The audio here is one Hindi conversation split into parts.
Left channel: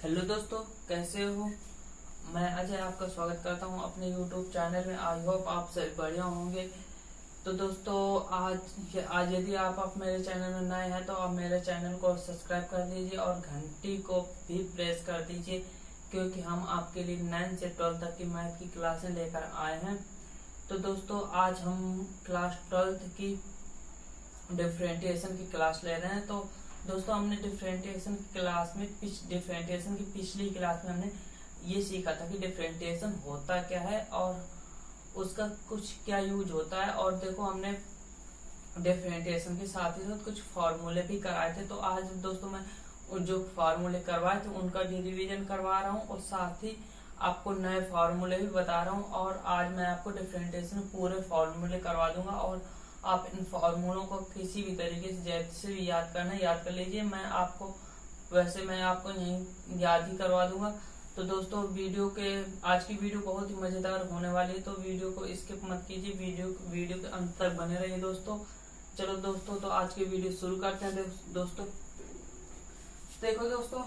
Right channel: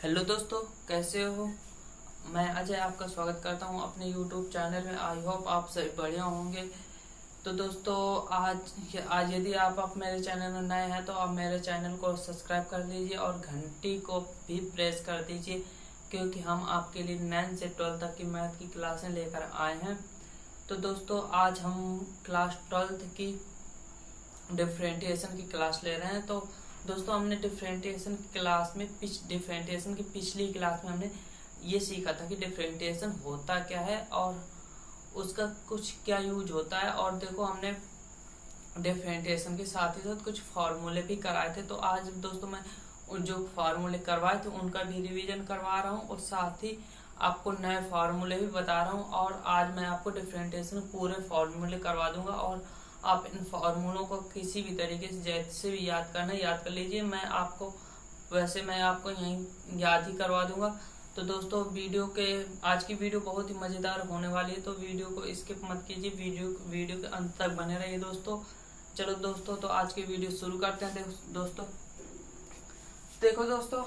हेलो दोस्तों, कैसे हो। मैं अजय आपका स्वागत करता हूं अपने यूट्यूब चैनल में। आई होप आप सभी बढ़िया होंगे। तो दोस्तों आज यदि आप मेरे चैनल में नए हैं तो आप मेरे चैनल को सब्सक्राइब कर दीजिए और घंटी को भी प्रेस कर दीजिए, क्योंकि हम आपके लिए 9 से 12 तक की मैथ की क्लासें लेकर आए हैं। तो दोस्तों आज हम क्लास 12 की डिफरेंशिएशन की क्लास ले रहे हैं। तो दोस्तों हमने डिफरेंशिएशन की पिछली क्लास में हमने ये सीखा था कि डिफरेंशिएशन होता क्या है और उसका कुछ क्या यूज होता है। और देखो हमने डिफरेंशिएशन के साथ ही साथ कुछ फॉर्मूले भी कराए थे। तो आज दोस्तों मैं जो फॉर्मूले करवाए थे उनका भी रिवीजन करवा रहा हूँ और साथ ही आपको नए फॉर्मूले भी बता रहा हूँ। और आज मैं आपको डिफरेंशिएशन पूरे फॉर्मूले करवा दूंगा और आप इन फॉर्मूलों को किसी भी तरीके से जैसे भी याद करना याद कर लीजिए। मैं आपको यही याद ही करवा दूंगा। तो दोस्तों आज की वीडियो बहुत ही मजेदार होने वाली है, तो वीडियो को स्किप मत कीजिए, वीडियो के अंत तक बने रहिए दोस्तों। चलो दोस्तों, तो आज की वीडियो शुरू करते हैं। दोस्तों देखो दोस्तों,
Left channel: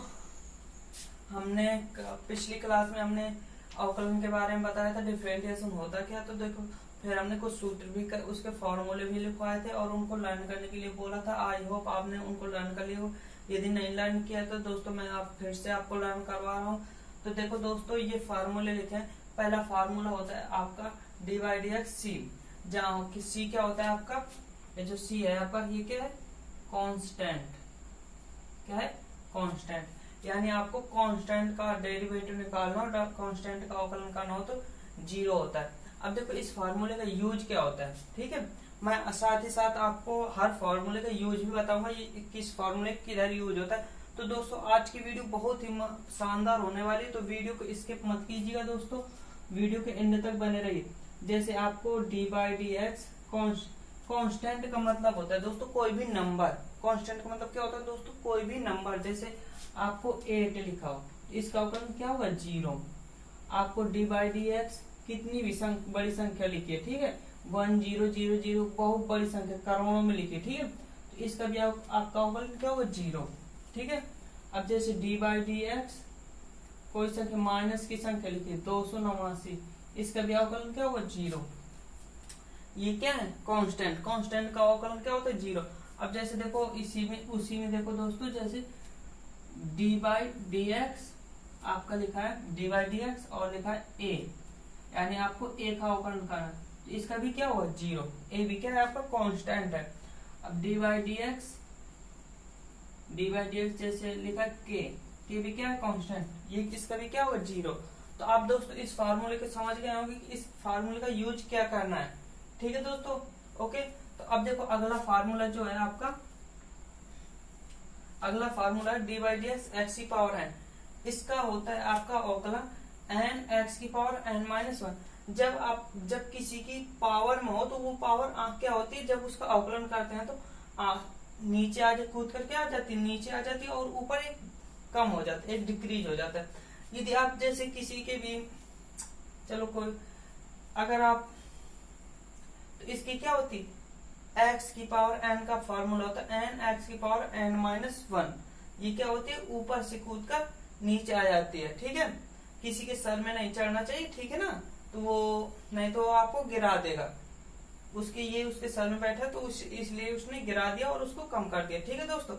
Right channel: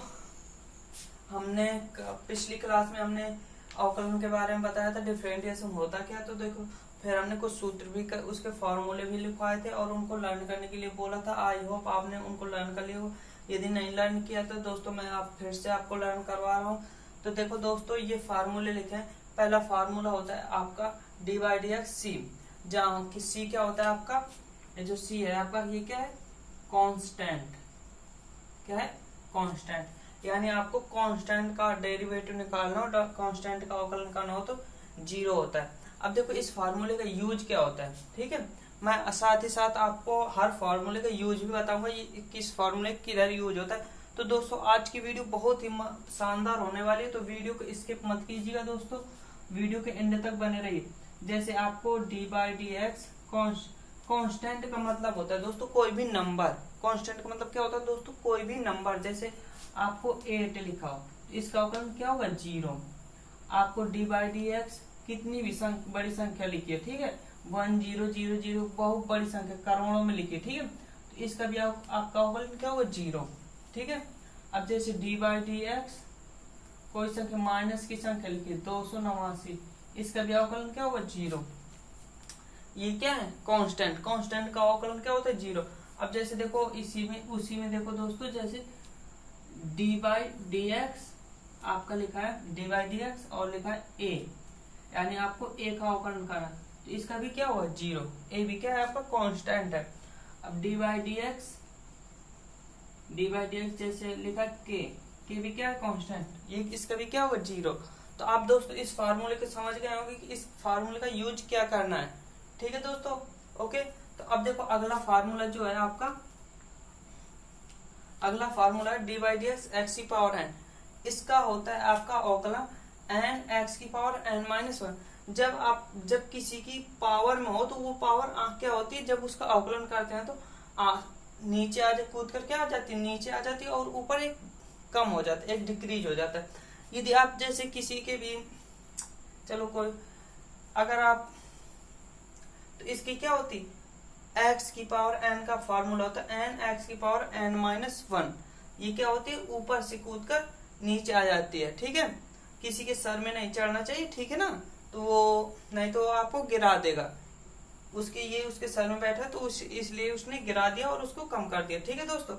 हमने पिछली क्लास में हमने अवकलन के बारे में बताया था, डिफरेंशिएशन होता क्या। तो देखो फिर हमने कुछ सूत्र भी उसके फॉर्मूले भी लिखवाए थे और उनको लर्न करने के लिए बोला था। आई होप आपने उनको लर्न कर लिया हो। यदि नहीं लर्न किया तो दोस्तों मैं फिर से आपको लर्न करवा रहा हूँ। तो देखो दोस्तों, ये फार्मूले लिखे हैं। पहला फार्मूला होता है आपका डी बाई डी एक्स सी, जहाँ की सी क्या होता है आपका, ये जो सी है आपका ये क्या है, कांस्टेंट। क्या है, कांस्टेंट। यानी आपको कांस्टेंट का डेरिवेटिव निकालना हो, कांस्टेंट का अवकलन करना हो तो 0 होता है। अब देखो इस फार्मूले का यूज क्या होता है, ठीक है। मैं साथ ही साथ आपको हर फार्मूले का यूज भी बताऊंगा, ये किस फार्मूले किधर यूज होता है। तो दोस्तों आज की वीडियो बहुत ही शानदार होने वाली है, तो वीडियो को स्किप मत कीजिएगा दोस्तों, वीडियो के एंड तक बने रहिए। जैसे आपको D by D x constant का मतलब होता है दोस्तों कोई भी नंबर। कांस्टेंट का मतलब क्या होता है दोस्तों, कोई भी नंबर। जैसे आपको 8 लिखा हो, इसका अवकलन क्या होगा, 0। आपको डी बाई डी एक्स कितनी भी बड़ी संख्या लिखिए, ठीक है, 1 0 0 0 बहुत बड़ी संख्या करोड़ों में लिखिए, ठीक है। तो इसका भी आपका अवकलन क्या होगा, 0, ठीक है। अब जैसे डी बाई डी एक्स कोई संख्या माइनस की संख्या लिखिए 289, इसका भी अवकलन क्या होगा, 0। ये क्या है, कांस्टेंट का अवकलन क्या होता है, 0। अब जैसे देखो उसी में देखो दोस्तों, जैसे डी बाई डी एक्स आपका लिखा है डी बाई डी एक्स और लिखा है ए, यानी आपको ए का अवकलन करना, तो इसका भी क्या होगा, 0। ए भी क्या है आपका कांस्टेंट है। अब डी बाई डी एक्स जैसे लिखा के भी क्या है, कांस्टेंट, ये इसका भी क्या होगा, 0। तो आप दोस्तों इस फार्मूले को समझ गए होंगे कि इस फार्मूले का यूज क्या करना है, ठीक है दोस्तों, ओके। तो अब देखो अगला फार्मूला जो है आपका, अगला फार्मूला है D by D x x की पावर एन। इसका होता है आपका अवकलन एन एक्स की पावर एन माइनस 1। जब किसी की पावर में हो तो वो पावर क्या होती है, जब उसका अवकलन करते हैं तो नीचे आ जा कूद कर क्या आ जाती है, नीचे आ जाती है और ऊपर एक कम हो जाता है, एक डिक्रीज हो जाता है। यदि आप जैसे किसी के भी चलो कोई अगर आप, तो इसकी क्या होती है, एक्स की पावर एन का फॉर्मूला होता है एन एक्स की पावर एन माइनस 1। ये क्या होती है, ऊपर से कूद कर नीचे आ जाती है, ठीक है। किसी के सर में नहीं चढ़ना चाहिए, ठीक है ना, तो वो नहीं तो आपको गिरा देगा। उसके सर में बैठा तो इसलिए उसने गिरा दिया और उसको कम कर दिया, ठीक है दोस्तों।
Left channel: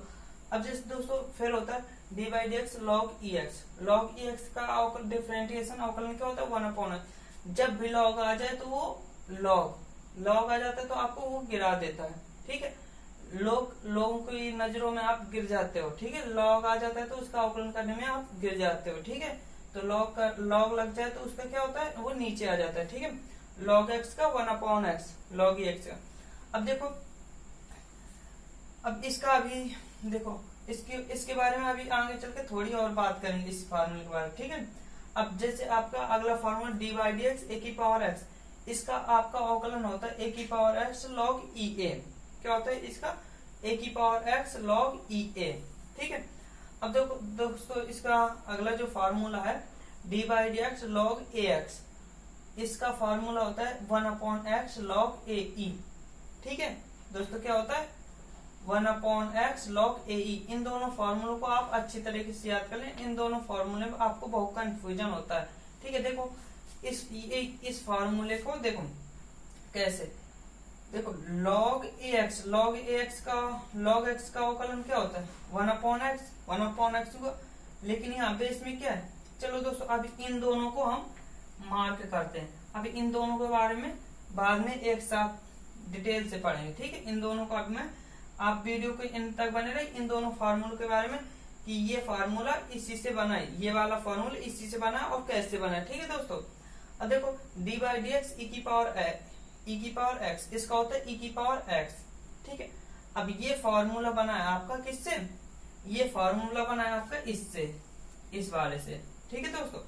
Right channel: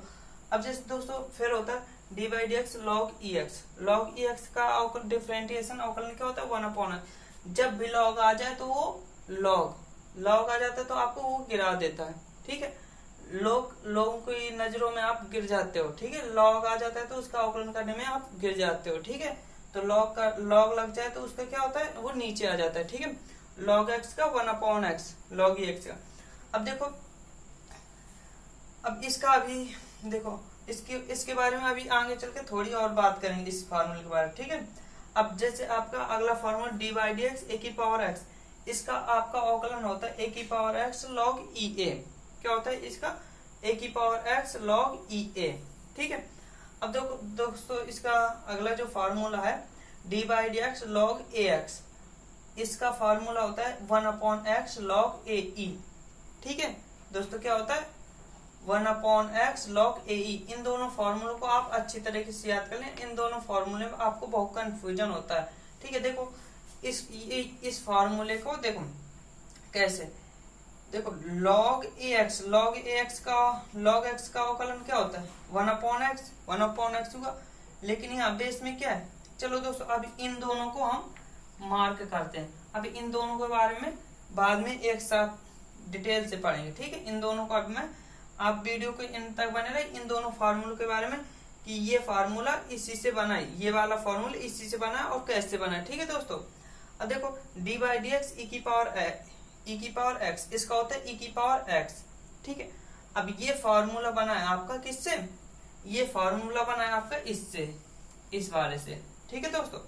अब जैसे दोस्तों फिर होता है D by D x log E x. Log E x का डिफरेंशिएशन अवकलन क्या होता है, 1/। जब भी लॉग आ जाए तो वो लॉग आ जाता है तो आपको वो गिरा देता है, ठीक है। लोगों की नजरों में आप गिर जाते हो, ठीक है। लॉग आ जाता है तो उसका अवकलन करने में आप गिर जाते हो, ठीक है। तो लॉग लग जाए तो उसका क्या होता है, वो नीचे आ जाता है, ठीक है। लॉग एक्स का 1/x लॉग ई एक्स का। अब देखो, अब इसका अभी देखो इसके बारे में अभी आगे चल के थोड़ी और बात करेंगे इस फार्मूले के बारे में, ठीक है। अब जैसे आपका अगला formula D by D X A की पावर एक्स, इसका आपका अवकलन होता है ए की पावर एक्स लॉग ई ए। क्या होता है इसका, ए की पावर एक्स लॉग ई ए, ठीक है। अब देखो दोस्तों, इसका अगला जो फार्मूला है D by D x log A x, इसका फार्मूला होता है 1/x लॉग ए ई, ठीक है दोस्तों। क्या होता है 1/x log AE। इन दोनों फॉर्मूलों को आप अच्छी तरीके से याद कर लें, इन दोनों फॉर्मूले में आपको बहुत कंफ्यूजन होता है। ठीक है, देखो इस फॉर्मूले को देखो कैसे, देखो log AX, log AX का log x का अवकलन क्या होता है 1/x हुआ, लेकिन यहाँ बेस में क्या है। चलो दोस्तों अब इन दोनों को हम मार्क करते हैं, अभी इन दोनों के बारे में बाद में एक साथ डिटेल से पढ़ेंगे। ठीक है, इन दोनों को अब मैं, आप वीडियो को इन तक बने रहे, इन दोनों फार्मूलों के बारे में कि ये फार्मूला इसी से बना है, ये वाला फार्मूला इसी से बना है और कैसे बना है। ठीक है दोस्तों, अब देखो d/dx e की पावर x, इसका होता है e की पावर x। ठीक है, अब ये फार्मूला बना है आपका किससे, ये फार्मूला बना है आपका इससे, इस वाले से। ठीक है दोस्तों,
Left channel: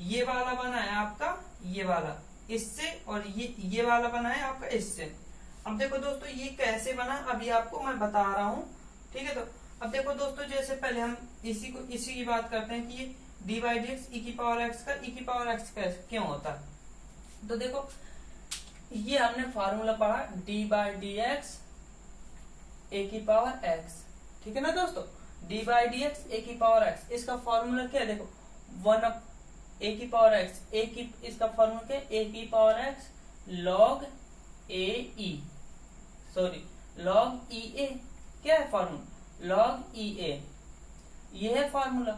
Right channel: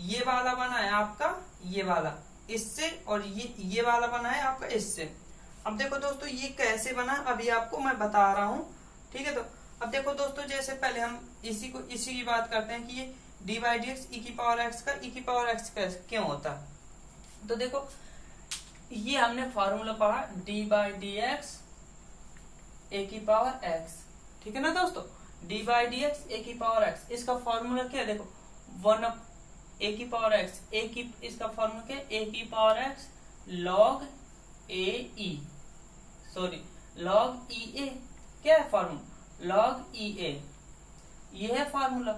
ये वाला बना है आपका, ये वाला इससे, और ये वाला बना है आपका इससे। अब देखो दोस्तों ये कैसे बना अभी आपको मैं बता रहा हूँ। ठीक है, तो अब देखो दोस्तों जैसे पहले हम इसी की बात करते हैं कि ये d/dx e की पावर x का e की पावर x क्यों होता है। तो देखो ये हमने फॉर्मूला पढ़ा d/dx a की पावर x। ठीक है ना दोस्तों, d/dx a की पावर x, इसका फॉर्मूला क्या है, देखो 1 a की पावर x, इसका फॉर्मूला क्या है, a की power x log AE, sorry log EA, क्या है फॉर्मूला log EA, ये है फॉर्मूला।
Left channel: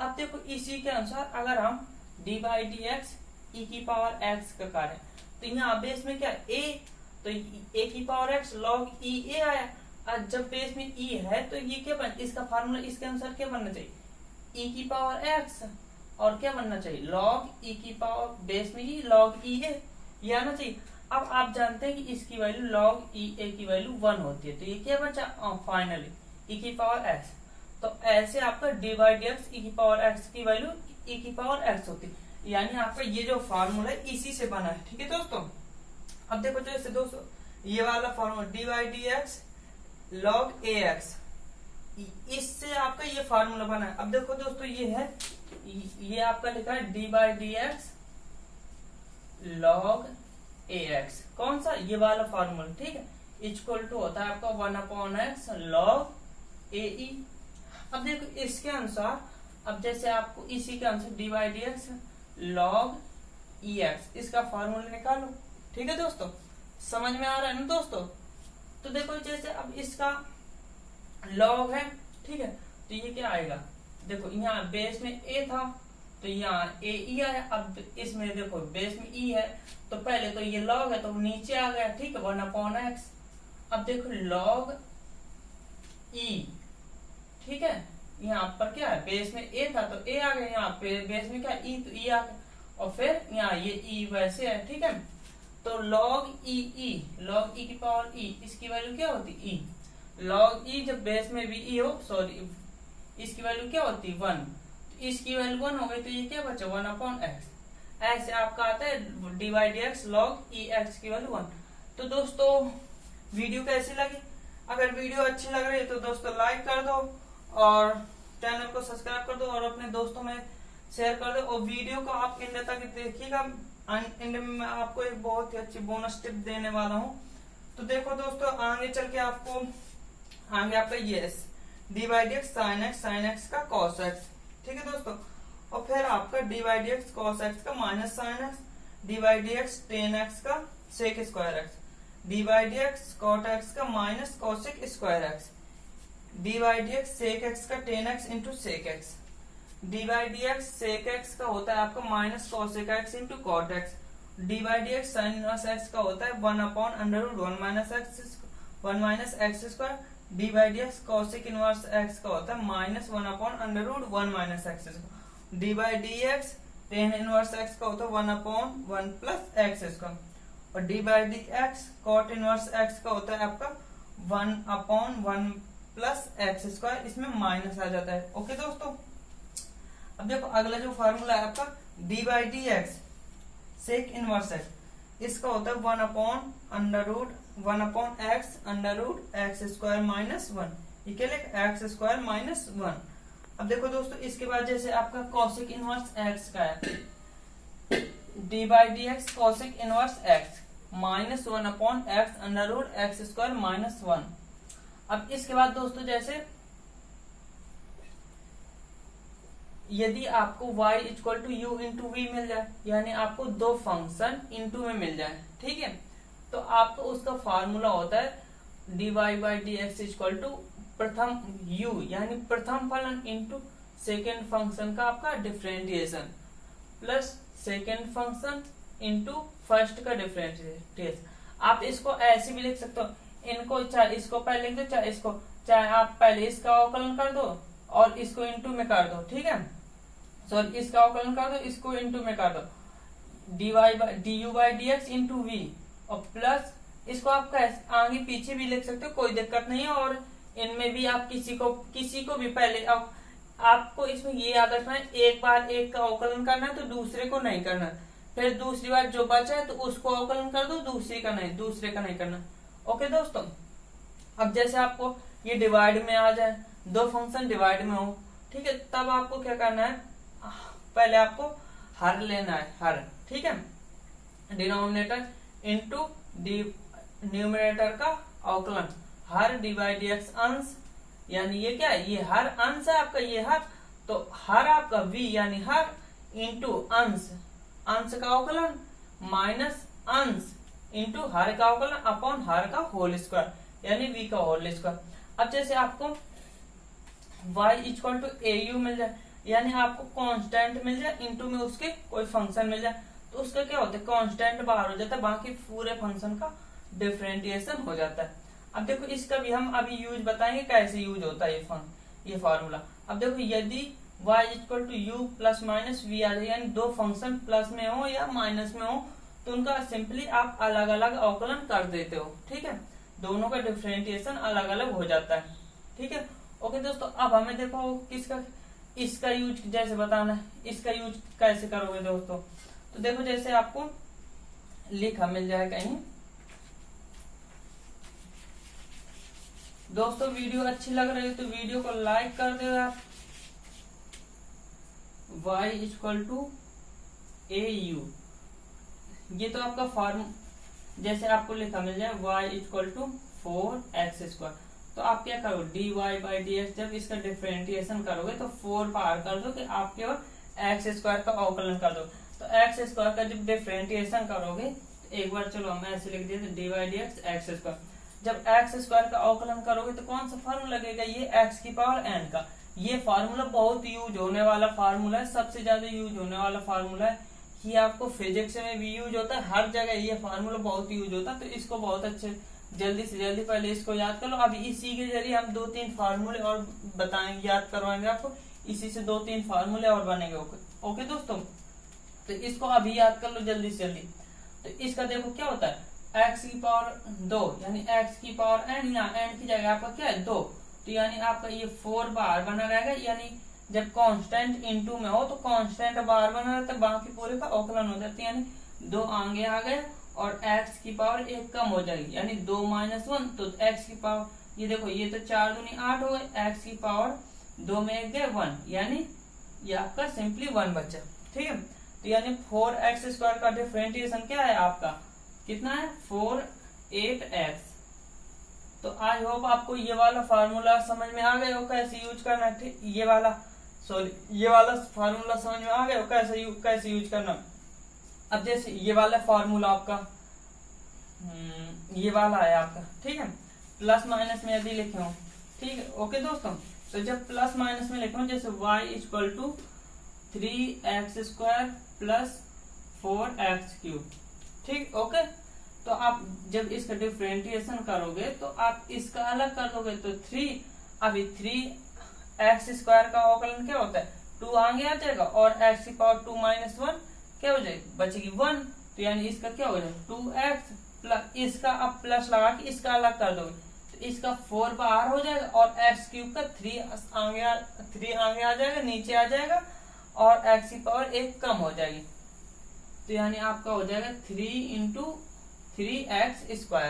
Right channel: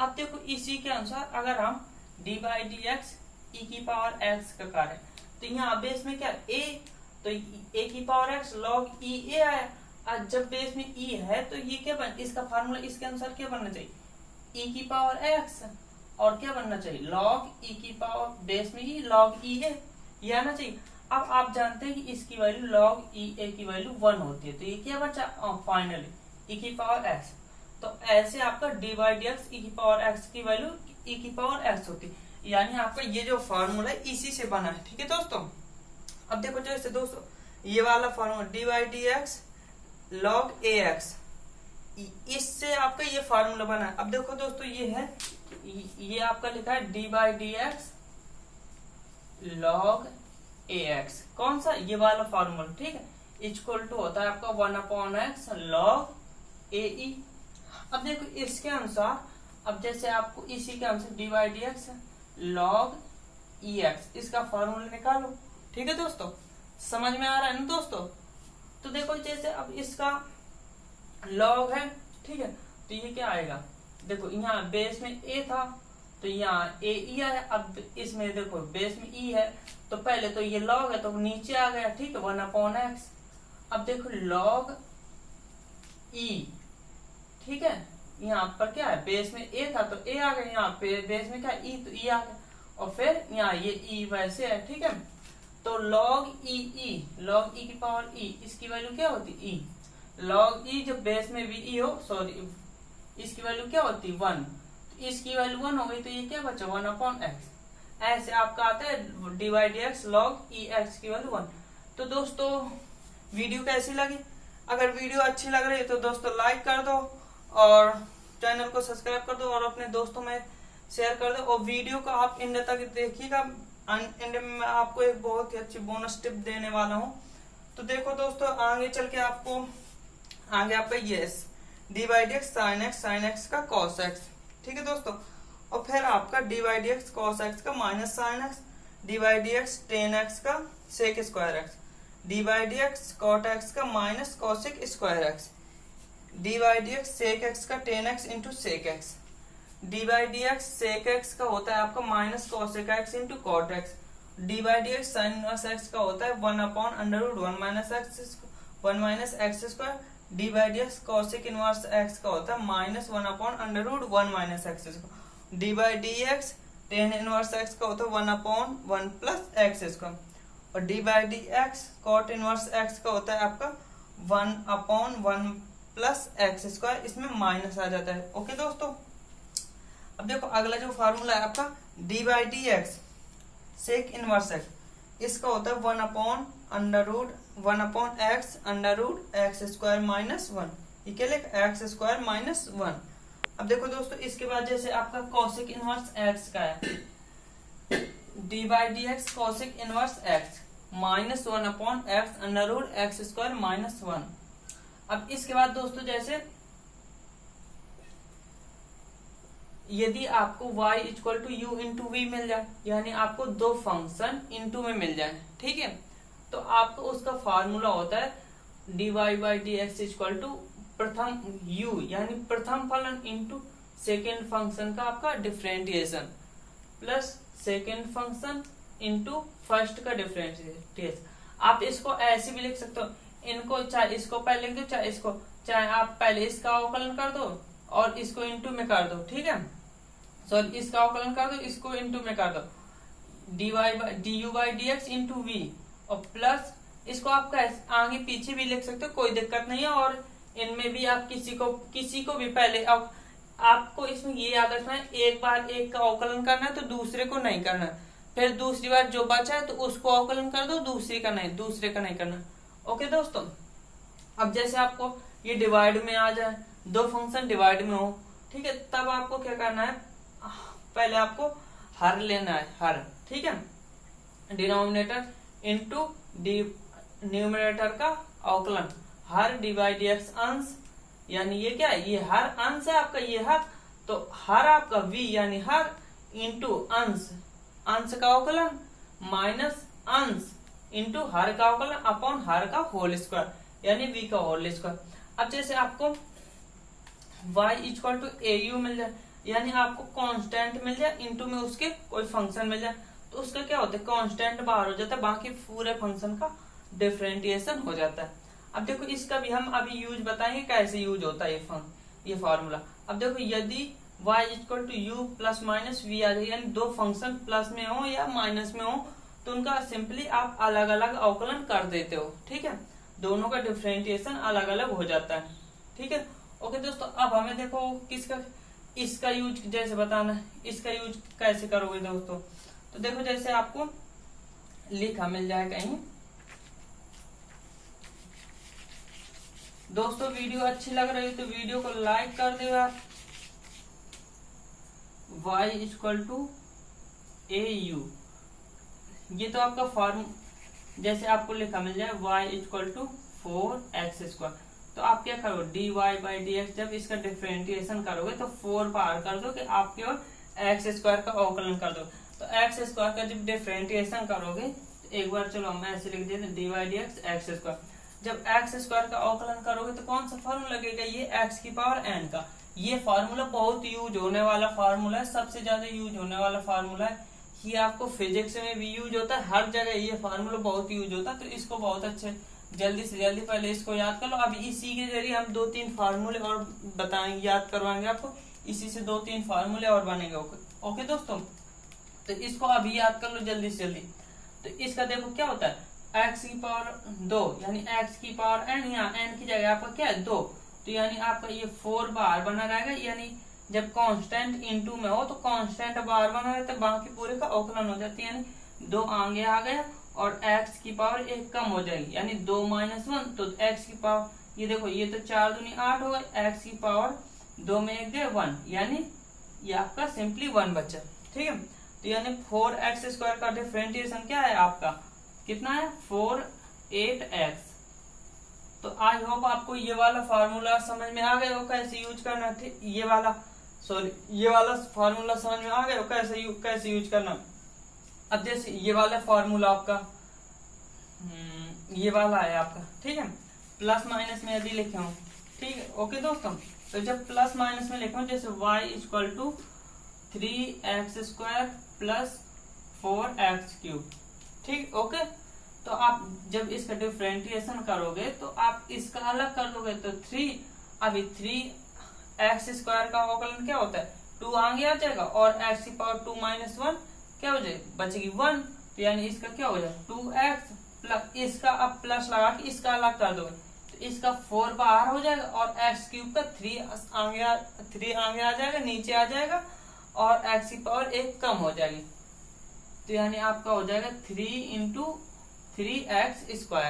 अब देखो इसी के अनुसार अगर हम d/dx e की पावर x का करें तो यहाँ बेस में क्या है a, तो a की पावर x log EA आया। अब जब बेस में e है तो ये क्या बन, इसका फार्मूला इसके अनुसार क्या बनना चाहिए e की पावर x, और क्या बनना चाहिए log e की पावर बेस में ही log EA, ये आना चाहिए। अब आप जानते हैं कि इसकी वैल्यू log EA की वैल्यू 1 होती है, तो ये क्या बचा फाइनली e की पावर x। तो ऐसे आपका d/dx e की पावर x की वैल्यू e की पावर x होती है, यानी आपका ये जो फॉर्मूला है इसी से बना है। ठीक है दोस्तों, अब देखो जैसे दोस्तों ये वाला फॉर्मूला d/dx log AX, इससे आपका ये फॉर्मूला बना है। अब देखो दोस्तों ये आपका लिखा है d/dx log AX, कौन सा, ये वाला फॉर्मूला। ठीक है, इक्वल टू होता है आपका 1/x log AE। अब देखो इसके अनुसार, अब जैसे आपको इसी के अनुसार d/dx log EX, इसका फॉर्मूला निकालो। ठीक है दोस्तों, समझ में आ रहा है ना दोस्तों। तो देखो जैसे अब इसका log है, ठीक है, तो ये क्या आएगा, देखो यहाँ बेस में a था तो यहाँ AE आया। अब इसमें देखो बेस में E है तो पहले तो ये log है तो नीचे आ गया। ठीक है, 1/x। अब देखो log E, ठीक है, यहाँ पर क्या है बेस में a था तो a आ गया, यहाँ पे बेस में क्या है E, तो E आ गया, और फिर यहाँ ये E वैसे है। ठीक है, तो log E की पावर E, इसकी वैल्यू क्या होती E, log E जब बेस में भी E हो, सॉरी इसकी वैल्यू क्या होती 1, तो इसकी वैल्यू 1 हो गई, तो ये क्या बचा 1/x। ऐसे आपका आता है d/dx log EX की वैल्यू 1। तो दोस्तों वीडियो कैसी लगी, अगर वीडियो अच्छी लग रही है तो दोस्तों लाइक कर दो और चैनल को सब्सक्राइब कर दो और अपने दोस्तों में शेयर कर दो, और वीडियो को आप एंड तक देखिएगा। एंड में मैं आपको एक बहुत ही अच्छी बोनस टिप देने वाला हूँ। तो देखो दोस्तों आगे चल के आगे आपका ये d/dx sin x का cos x। ठीक है दोस्तों, और फिर आपका d/dx cos x का minus sin x, d/dx tan x का sec square x, d/dx cot x का minus cosec square x, d/dx sec x का tan x into sec x, d/dx sec x का होता है आपका minus cosec x into cot x, d/dx sin inverse x का होता है 1/√1 minus x square, d/dx cosec inverse x का होता है minus 1/√1 minus x square, d/dx tan inverse x का होता है 1/1 प्लस x स्क्वायर, और d/dx cot इनवर्स x का होता है आपका 1/1 प्लस x स्क्वायर, इसमें माइनस आ जाता है। ओके दोस्तों, अब देखो अगला जो फॉर्मूला है आपका d/dx sec इनवर्स x, इसका होता है 1/x स्क्वायर माइनस 1, ये क्या लिखा x स्क्वायर माइनस 1। अब देखो दोस्तों इसके बाद जैसे आपका cosec इनवर्स x का है, d/dx cosec inverse x minus 1/x square minus 1। अब इसके बाद दोस्तों जैसे यदि आपको y equal to U into V मिल जाए, यानी आपको दो फंक्शन इंटू में मिल जाए, ठीक है, तो आपको उसका फार्मूला होता है dy by D x equal to प्रथम u यानी प्रथम फलन इंटू सेकेंड फंक्शन का आपका differentiation plus second function into first का डिफरेंटिएशन। आप इसको ऐसे भी लिख सकते हो, इनको चाहे इसको पहले लिख दो चाहे इसको, चाहे आप पहले इसका अवकलन कर दो और इसको इंटू में कर दो, ठीक है, सॉरी इसका अवकलन कर दो इसको इंटू में कर दो D U by D X into V, और प्लस इसको आप आगे पीछे भी लिख सकते हो, कोई दिक्कत नहीं है। और इनमें भी आप किसी को भी पहले, अब आपको इसमें ये याद रखना है एक बार एक का अवकलन करना है तो दूसरे को नहीं करना, फिर दूसरी बार जो बचा है तो उसको अवकलन कर दो, दूसरे का नहीं करना। ओके दोस्तों, अब जैसे आपको ये डिवाइड में आ जाए, दो फंक्शन डिवाइड में हो, ठीक है, तब आपको क्या करना है, पहले आपको हर लेना है, हर, ठीक है, डिनोमिनेटर इंटू न्यूमरेटर का अवकलन, हर डी बाई डी एक्स अंश, यानी ये क्या है, ये हर अंश है आपका, ये हर, तो हर आपका v यानी हर इंटू अंश, अंश का अवकलन माइनस अंश इंटू हर का अवकलन अपॉन हर का होल स्क्वायर यानी v का होल स्क्वायर। अब जैसे आपको y equal to A U मिल जाए, यानी आपको कांस्टेंट मिल जाए इंटू में उसके कोई फंक्शन मिल जाए, तो उसका क्या होता है, कांस्टेंट बाहर हो जाता है, बाकी पूरे फंक्शन का डिफरेंटिएशन हो जाता है। अब देखो इसका भी हम अभी यूज बताएंगे कैसे यूज होता है ये फॉर्मूला। अब देखो यदि y equal to U plus minus V आ जाए, यानी दो फंक्शन प्लस में हो या माइनस में हो, तो उनका सिंपली आप अलग अलग अवकलन कर देते हो, ठीक है, दोनों का डिफरेंटिएशन अलग अलग हो जाता है, ठीक है। ओके दोस्तों, अब हमें देखो इसका यूज जैसे बताना है, इसका यूज कैसे करोगे दोस्तों, तो देखो जैसे आपको लिखा मिल जाए कहीं, दोस्तों वीडियो अच्छी लग रही है तो वीडियो को लाइक कर देगा। y equal to A U, ये तो आपका फॉर्म, जैसे आपको लिखा मिल जाए y इक्वल टू 4x², तो आप क्या करो dy बाई डी एक्स, जब इसका डिफरेंटिएशन करोगे तो 4 बाहर कर दो कि आप केवल x² का अवकलन कर दो, तो x² का जब डिफरेंटिएशन करोगे तो एक बार चलो हम ऐसे लिख देते D by D x x², जब x² का अवकलन करोगे तो कौन सा फॉर्मूला लगेगा, ये x की पावर n का। ये फार्मूला बहुत यूज होने वाला फार्मूला है, सबसे ज्यादा यूज होने वाला फार्मूला है, ये आपको फिजिक्स में भी यूज होता है, हर जगह ये फार्मूला बहुत यूज होता है, तो इसको बहुत अच्छे जल्दी से जल्दी पहले इसको याद कर लो। अभी इसी के जरिए हम 2-3 फार्मूले और बताएंगे, याद करवाएंगे आपको, इसी से 2-3 फार्मूले और बनेंगे। ओके दोस्तों, तो इसको अभी याद कर लो जल्दी से जल्दी। तो इसका देखो क्या होता है, x की पावर 2 यानी x की पावर n, यहाँ n की जगह आपका क्या है 2, तो यानी आपका ये 4 बाहर बना रहेगा, यानी जब कांस्टेंट इनटू में हो तो कांस्टेंट बाहर बना रहता है, बाकी पूरे का अवकलन हो जाती है, यानी 2 आगे आ गया और x की पावर 1 कम हो जाएगी, यानी 2 - 1, तो x की पावर ये देखो ये तो 4 दूनी 8 हो गए, x की पावर 2 में 1 गए 1, यानी ये आपका सिंपली 1 बचा, ठीक है। तो यानी 4x² का डिफरेंटिएशन क्या है आपका, कितना है 4-8x। तो आई होप आपको ये वाला फार्मूला समझ में आ गया हो कैसे यूज करना है, ठीक, ये वाला फार्मूला समझ में आ गया हो कैसे यूज करना। अब जैसे ये वाला फार्मूला आपका ये वाला है आपका, ठीक है, प्लस माइनस में यदि लिखे हूं, ठीक है। ओके दोस्तों, तो जब प्लस माइनस में लिखूं जैसे y equal to 3x² plus 4x³, ठीक, ओके। तो आप जब इसका डिफरेंटिएशन करोगे तो आप इसका अलग कर दोगे, तो 3, अभी 3x² का अवकलन क्या होता है 2 आगे आ जाएगा, और x की पावर 2 - 1 क्या हो जाएगी, बचेगी 1, तो यानी इसका क्या हो जाएगा 2x प्लस, इसका अब प्लस लगा के इसका अलग कर दोगे, तो इसका 4 बाहर हो जाएगा और x³ का 3 आगे आ जाएगा, नीचे आ जाएगा, और x की पावर 1 कम हो जाएगी, तो यानी आपका हो जाएगा 3 × 3x²,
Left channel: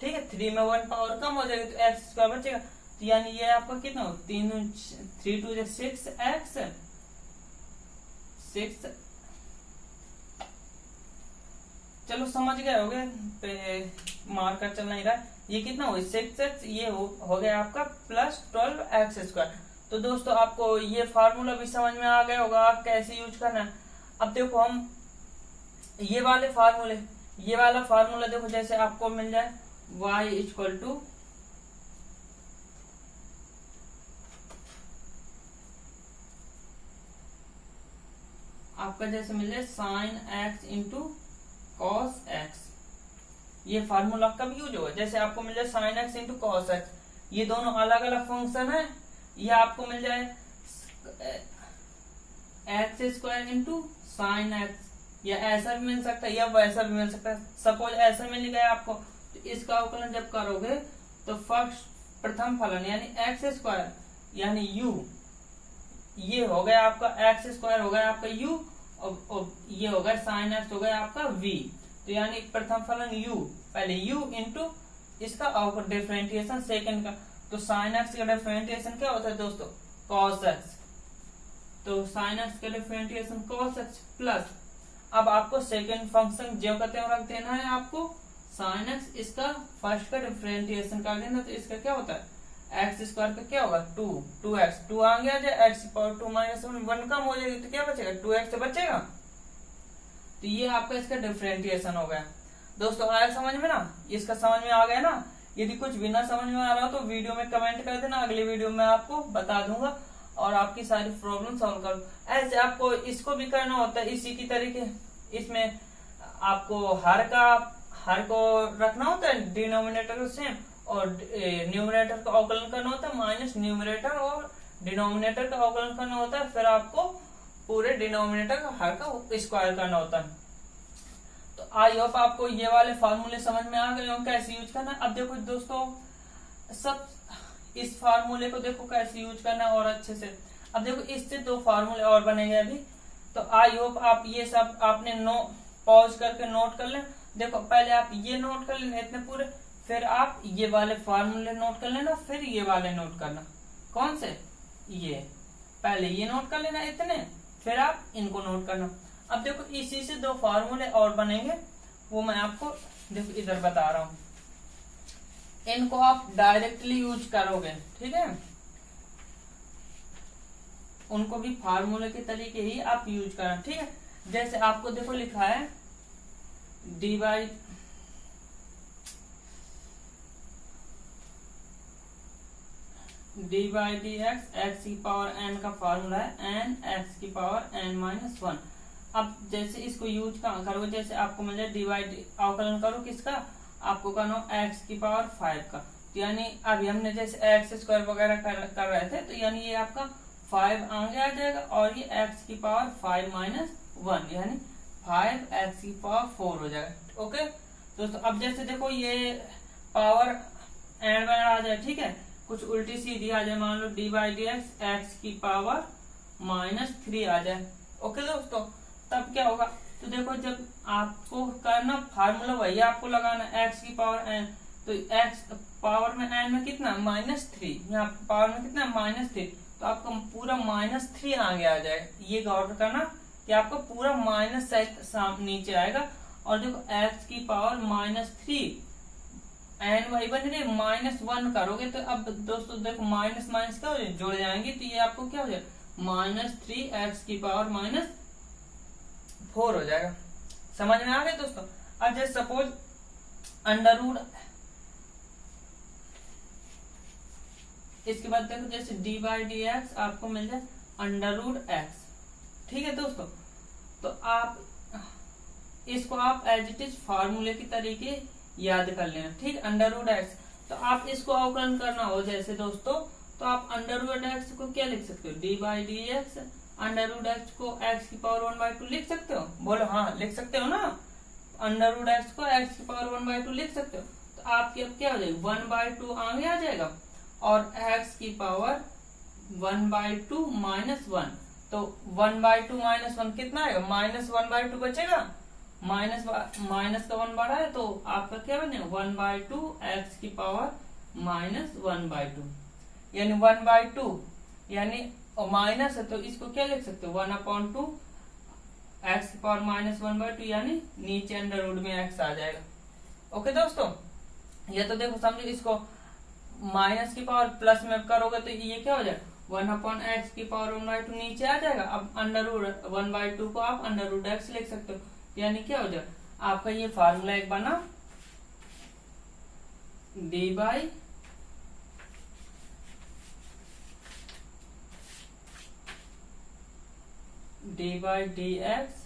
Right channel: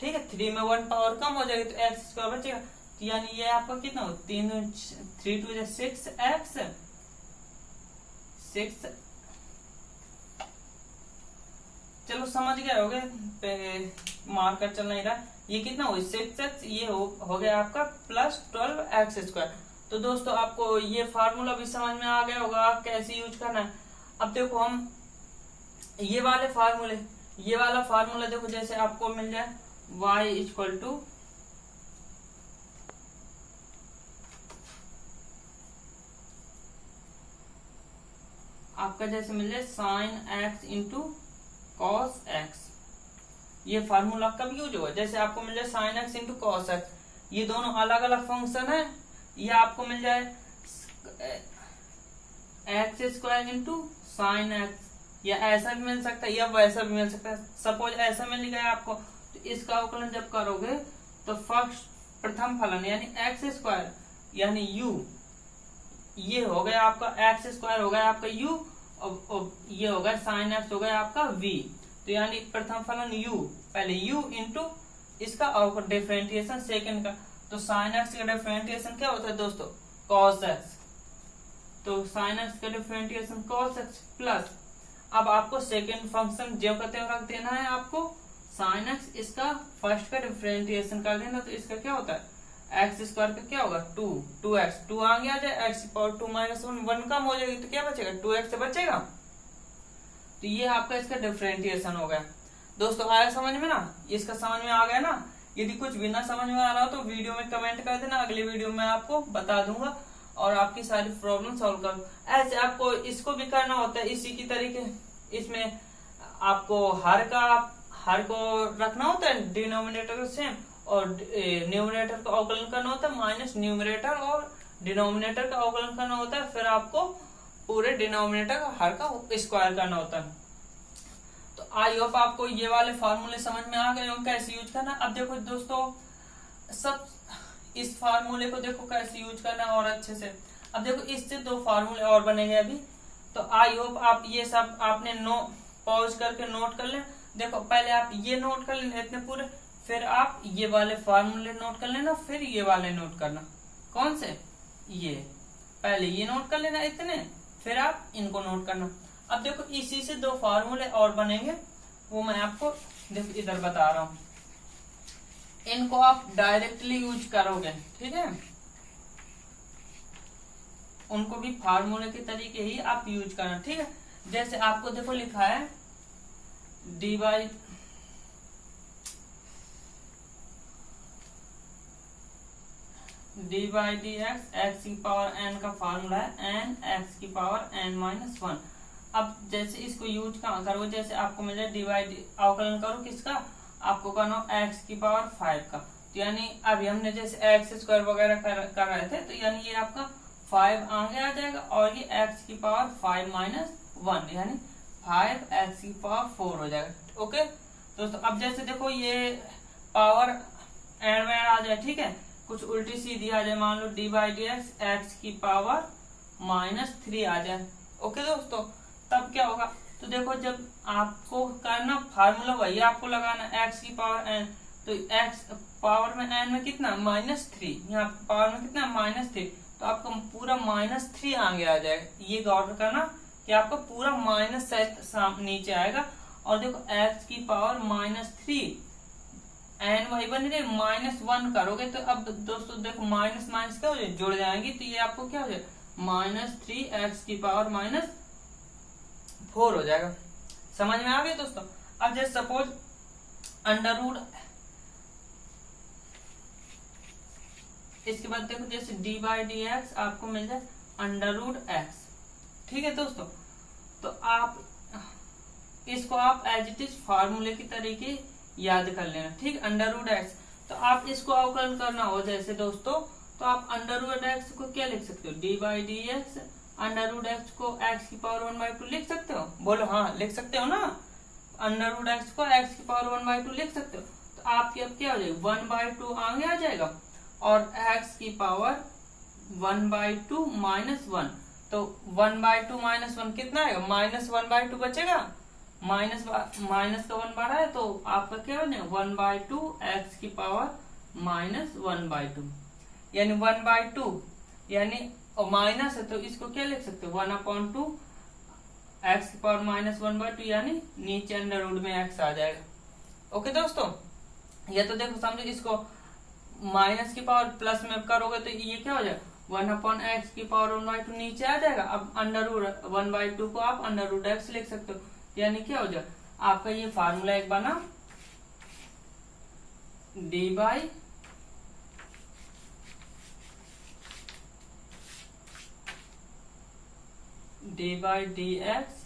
ठीक है, 3 में 1 पावर कम हो जाएगी तो x² बचेगा, तो यानी ये आपका कितना हो 3 2 6x, 6, चलो समझ गए होगे, मार्कर चल नहीं रहा है, ये कितना हुआ 6x, ये हो गया आपका प्लस 12x²। तो दोस्तों आपको ये फार्मूला भी समझ में आ गया होगा कैसे यूज करना है। अब देखो हम ये वाला फार्मूला देखो, जैसे आपको मिल जाए y इक्वल टू आपका जैसे मिल जाए sin x into cos x. ये फार्मूला कब यूज होगा, जैसे आपको मिल जाए sin x into cos x, ये दोनों अलग अलग फंक्शन है। ये आपको मिल जाए x² इंटू साइन एक्स, या ऐसा भी मिल सकता है या वैसा भी मिल सकता है। सपोज ऐसा मिल गया आपको, तो इसका अवकलन जब करोगे तो प्रथम फलन यानी x² यानी u, ये हो गया आपका x² हो गया आपका u, और ये हो गया साइन एक्स हो गया आपका v। तो यानी प्रथम फलन u, पहले u इंटू इसका डिफरेंशिएशन सेकंड का, तो साइन एक्स का डिफरेंशिएशन क्या होता है दोस्तों cos x, तो साइन एक्स का डिफरेंशिएशन cos x प्लस, अब आपको सेकंड फंक्शन जो कहते हैं रख देना है आपको साइन एक्स, इसका फर्स्ट का डिफरेंशिएशन कर देना, तो इसका क्या होता है x² का क्या होगा 2x, 2 आ गया जाए x⁻2 - 1 कम हो जाएगी तो क्या बचेगा 2x से बचेगा। तो ये आपका इसका डिफरेंशिएशन हो गया। दोस्तों आया समझ में ना, इसका समझ में आ गया ना। यदि कुछ भी ना समझ में आ रहा हो तो वीडियो में कमेंट कर देना, अगली वीडियो में आपको बता दूंगा और आपकी सारी प्रॉब्लम सॉल्व कर। ऐसे आपको इसको भी करना होता है इसी की तरीके, इसमें आपको हर को रखना होता है डिनोमिनेटर सेम, और न्यूमरेटर का अवकलन करना होता है माइनस न्यूमरेटर, और डिनोमिनेटर का अवकलन करना होता है, फिर आपको पूरे डिनोमिनेटर का हर का स्क्वायर करना होता है। तो आई होप आपको ये वाले फॉर्मूले समझ में आ गए हो कैसे यूज करना। अब देखो दोस्तों सब इस फार्मूले को देखो कैसे यूज करना और अच्छे से। अब देखो इससे 2 फार्मूले और बनेंगे अभी, तो आई होप आप ये सब आपने पॉज करके नोट कर लें। देखो पहले आप ये नोट कर लेना इतने पूरे, फिर आप ये वाले फार्मूले नोट कर लेना, फिर ये वाले नोट करना। कौन से, ये पहले ये नोट कर लेना इतने, फिर आप इनको नोट करना। अब देखो इसी से 2 फार्मूले और बनेंगे, वो मैं आपको देखो इधर बता रहा हूं, इनको आप डायरेक्टली यूज करोगे, ठीक है, उनको भी फार्मूले के तरीके ही आप यूज करना, ठीक है। जैसे आपको देखो लिखा है dy dx x की पावर n का फार्मूला है n x की पावर n - 1। अब जैसे इसको यूज करो, जैसे आपको मिल जाए डिवाइड अवकलन करो किसका, आपको करना x की पावर 5 का, तो यानी अभी हमने जैसे x² वगैरह कर रहे थे, तो यानी ये आपका 5 आगे आ जाएगा, और ये x की पावर 5 - 1 यानी 5x की पावर 4 हो जाएगा। ओके दोस्तों, अब जैसे देखो ये पावर एंड में आ जाए, ठीक है, कुछ उल्टी सीधी आ जाए, मान लो dx x की पावर -3 आ जाए। ओके दोस्तों, तब क्या होगा, तो देखो जब आपको करना फार्मूला वही आपको लगाना x की पावर n, तो x पावर में n में कितना -3, यहाँ पावर में कितना -3, तो आपको पूरा -3 आगे आ जाएगा। ये गौर करना कि आपको पूरा माइनस नीचे आएगा, और देखो x की पावर -3 n वही बन रही -1 करोगे, तो अब दोस्तों देखो माइनस माइनस क्या हो जाए जुड़ जाएंगी, तो ये आपको क्या हो जाए -3x की पावर -4 हो जाएगा। समझ में आ गया दोस्तों। अब जैसे सपोज अंडर इसके बाद देखो जैसे dy/dx आपको मिल जाए √x, ठीक है दोस्तों। तो आप इसको आप एज इट इज फार्मूले की तरीके याद कर लेना, ठीक, √x। तो आप इसको अवकलन करना हो जैसे दोस्तों, तो आप √x को क्या लिख सकते हो, dy/dx √x को x की पावर 1/2 लिख सकते हो, बोलो हाँ लिख सकते हो ना, √x को x की पावर 1/2 लिख सकते हो। तो आपकी अब क्या हो जाएगा 1/2 आगे आ जाएगा, और x की पावर 1/2 -1, तो 1/2 -1 कितना आएगा -1/2 बचेगा, माइनस का 1 बढ़ा है, तो आपका क्या बने 1/2 x की पावर -1/2, यानी 1/2 यानी माइनस है, तो इसको क्या लिख सकते हो 1/2 x की पावर -1/2, यानी नीचे अंडर रूट में x आ जाएगा। ओके दोस्तों, या तो देखो समझो इसको माइनस की पावर प्लस में करोगे तो ये क्या हो जाएगा 1/x की पावर 1/2 नीचे आ जाएगा। अब अंडर रूट 1/2 को आप अंडर रूट x लिख सकते हो, यानी क्या हो जाएगा आपका ये फार्मूला एक बना D by D X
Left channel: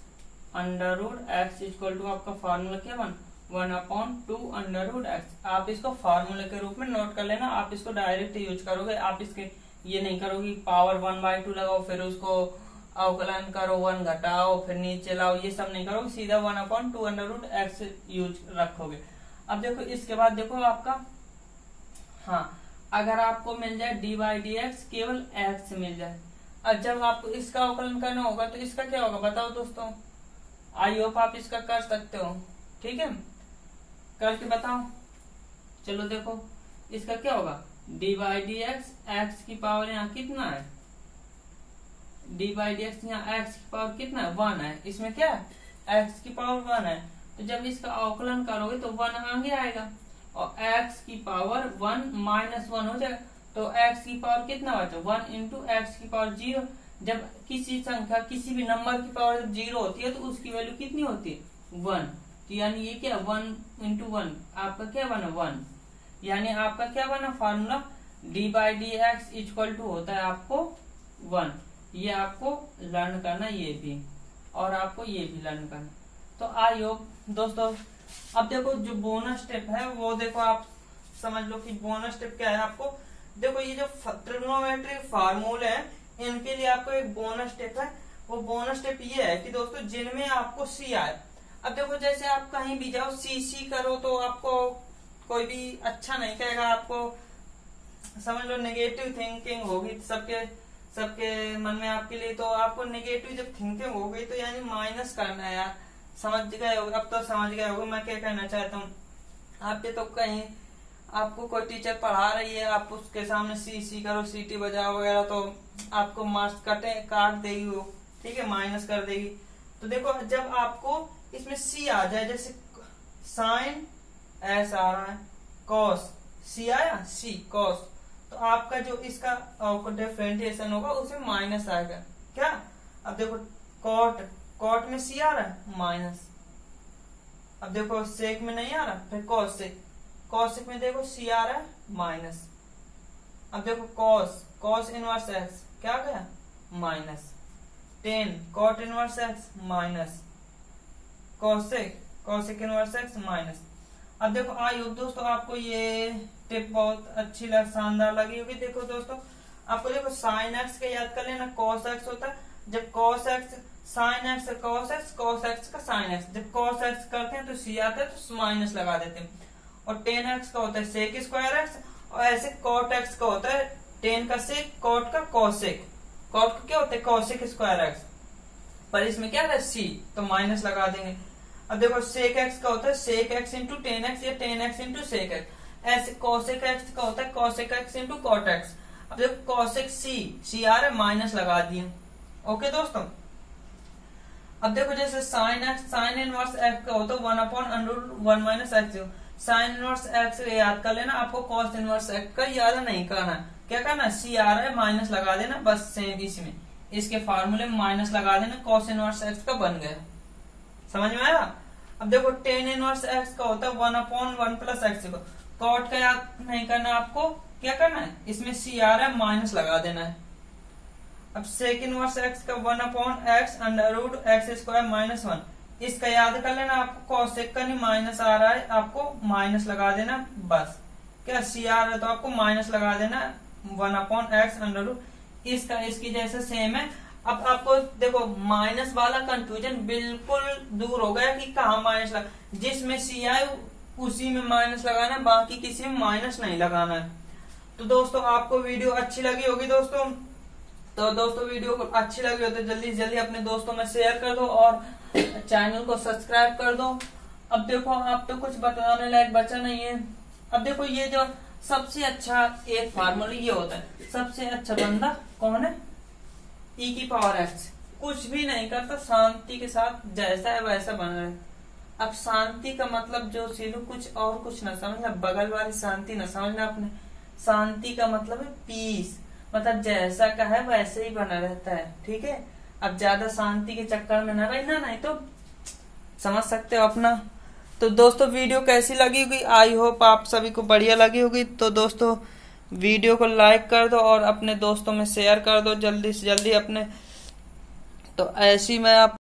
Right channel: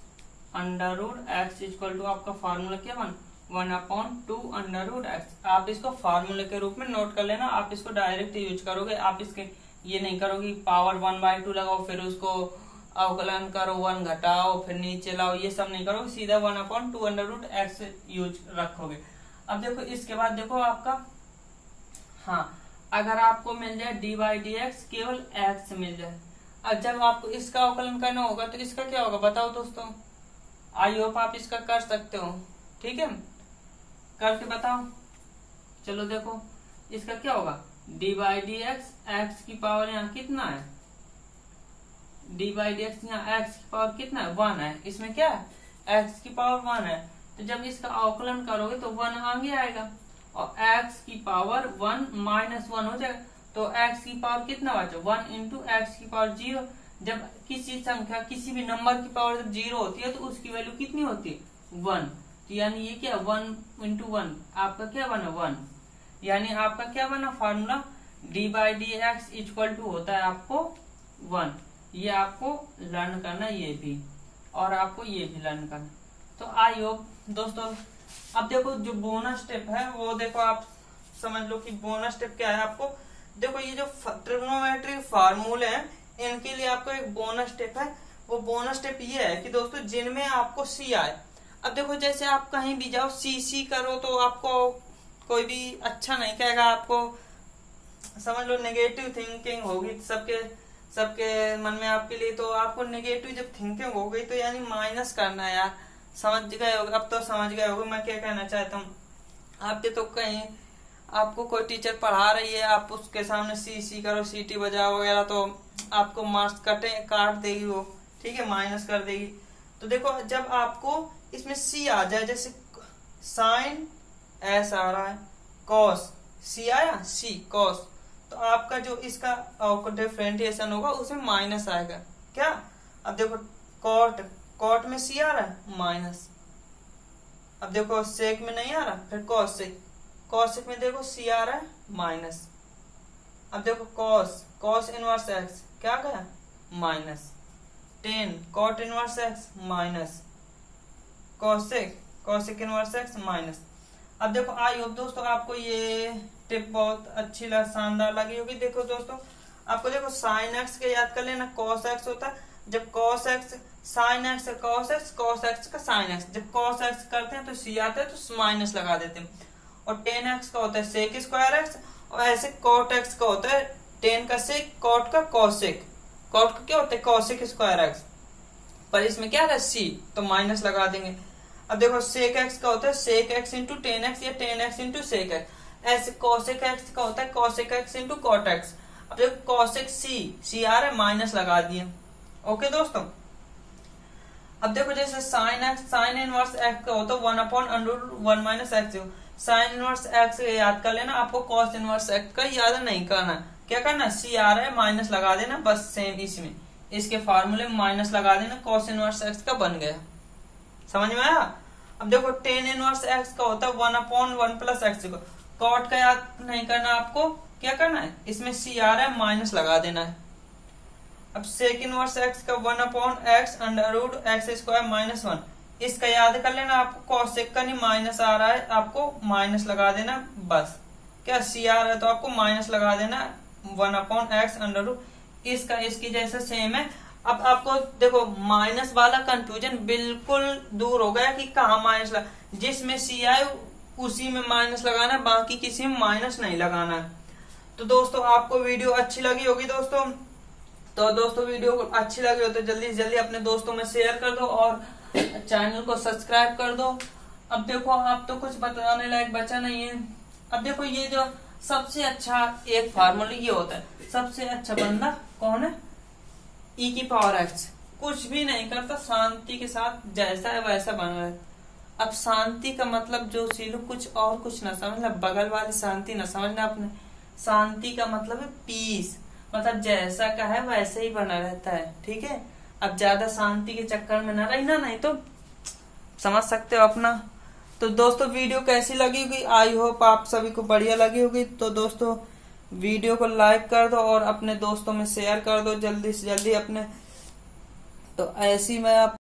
under root X equal to आपका फार्मूला क्या बन 1/2 अंडर रूट एक्स। आप इसको फार्मूले के रूप में नोट कर लेना, आप इसको डायरेक्ट यूज करोगे, आप इसके ये नहीं करोगे पावर 1/2 लगाओ फिर उसको अवकलन करो 1 घटाओ फिर नीचे लाओ, ये सब नहीं करोगे, सीधा 1/2 अंडर रूट एक्स यूज रखोगे। अब देखो इसके बाद देखो आपका हाँ अगर आपको मिल जाए डी बाई डी एक्स केवल एक्स मिल जाए, अब जब आपको इसका अवकलन करना होगा तो इसका क्या होगा बताओ दोस्तों। आई होप आप इसका कर सकते हो, ठीक है करके बताओ। चलो देखो इसका क्या होगा डी बाई डी एक्स की पावर यहाँ कितना है, डी बाई डी एक्स यहाँ एक्स की पावर कितना है 1 है, इसमें क्या है एक्स की पावर 1 है, तो जब इसका अवकलन करोगे तो 1 आगे आएगा और x की पावर 1 -1 हो जाएगा, तो x की पावर कितना बचा 1 इंटू एक्स की पावर 0। जब किसी संख्या किसी भी नंबर की पावर जब 0 होती है तो उसकी वैल्यू कितनी होती है 1, तो यानी ये क्या 1 इंटू 1 आपका क्या बना 1, यानी आपका क्या बना formula d by D x equal to होता है आपको 1। ये आपको लर्न करना ये भी और आपको ये भी लर्न करना। तो आई होप दोस्तों अब देखो जो बोनस स्टेप है वो देखो आप समझ लो कि बोनस स्टेप क्या है। आपको देखो ये जो ट्रिग्नोमेट्री फार्मूले हैं इनके लिए आपको एक बोनस स्टेप है, वो बोनस स्टेप ये है कि दोस्तों जिनमें आपको सी आए। अब देखो जैसे आप कहीं भी जाओ सी करो तो आपको कोई भी अच्छा नहीं कहेगा, आपको समझ लो नेगेटिव थिंकिंग होगी सबके मन में आपके लिए, तो आपको नेगेटिव जब थिंकिंग हो गई तो यानी माइनस करना है यार, समझ गए होगे अब तो समझ गए होगे मैं क्या कहना चाहता हूँ। आपके तो कहीं आपको कोई टीचर पढ़ा रही है आप उसके सामने सी करो सीटी बजाओ वगैरह तो आपको मार्क्स काट देगी वो, ठीक है माइनस कर देगी। तो देखो जब आपको इसमें सी आ जाए जैसे साइन एस आ रहा है कॉस सी आया सी कॉस, तो आपका जो इसका डिफरेंशिएशन होगा उसमें माइनस आएगा क्या। अब देखो कॉट में सी आ रहा है माइनस, अब देखो सेक में नहीं आ रहा, फिर कॉसेक में देखो सी आ रहा है माइनस। अब देखो कॉस इनवर्स एक्स क्या गया माइनस, टेन cot inverse x minus, cosec inverse x minus. अब देखो आई होप दोस्तों आपको ये टिप बहुत अच्छी शानदार लगी होगी। देखो दोस्तों आपको देखो साइन एक्स के याद कर लेना कॉस एक्स होता है, जब cos x sine x cos x का साइन एक्स, जब कॉस एक्स करते हैं तो सी आता है तो माइनस लगा देते हैं, और टेन एक्स का होता है सेक स्क्वायर एक्स, और ऐसे कॉट एक्स का होता है टेन का सेक कॉट का कॉसेक, कॉट का क्या होता है कॉसेक स्क्वायर एक्स, पर इसमें क्या है सी तो माइनस लगा देंगे। अब देखो सेक एक्स का होता है sec X into tan X या tan X into sec X, ऐसे कॉसेक एक्स का होता है cosec X into cot X. अब देखो कॉसेक सी आ रहा है माइनस लगा दिए, ओके दोस्तों। अब देखो जैसे साइन इनवर्स एक्स का होता है 1/√1 minus x, sine inverse x याद कर लेना, आपको कॉस इनवर्स एक्स का याद नहीं करना, क्या करना सी आ रहा है माइनस लगा देना, बस सेम इसमें इसके फार्मूले में माइनस लगा देना, कॉस इनवर्स एक्स का बन गया, समझ में आया। अब देखो टेन इनवर्स एक्स का होता है 1/1 प्लस एक्स, कॉट का याद नहीं करना, आपको क्या करना है इसमें सी आ रहा है माइनस लगा देना है। अब सेक इनवर्स एक्स का 1/x under root x square minus 1, इसका याद कर लेना, आपको कॉसेक का नहीं माइनस आ रहा है आपको माइनस लगा देना, बस क्या सी आ रहा है तो आपको माइनस लगा देना 1/x अंडर रूट, इसका इसकी जैसा सेम है। अब आपको देखो माइनस वाला कंफ्यूजन बिल्कुल दूर हो गया कि कहाँ माइनस लगा, जिसमें सी आए उसी में माइनस लगाना है, बाकी किसी में माइनस नहीं लगाना है। तो दोस्तों आपको वीडियो अच्छी लगी होगी दोस्तों, तो दोस्तों वीडियो को अच्छी लगी हो तो जल्दी से जल्दी अपने दोस्तों में शेयर कर दो और चैनल को सब्सक्राइब कर दो। अब देखो आप तो कुछ बताने लायक बचा नहीं है। अब देखो ये जो सबसे अच्छा एक फार्मूला ये होता है, सबसे अच्छा बंदा कौन है ई की पावर एक्स, कुछ भी नहीं करता शांति के साथ जैसा है वैसा बना है, अब शांति का मतलब जो सीलू कुछ और कुछ ना समझना, बगल वाली शांति ना समझना अपने। शांति का मतलब है पीस, मतलब जैसा का है वैसे ही बना रहता है, ठीक है। अब ज्यादा शांति के चक्कर में न रहना, नहीं तो समझ सकते हो अपना। तो दोस्तों वीडियो कैसी लगी होगी, आई होप आप सभी को बढ़िया लगी होगी। तो दोस्तों वीडियो को लाइक कर दो और अपने दोस्तों में शेयर कर दो जल्दी से जल्दी अपने। तो ऐसी मैं आप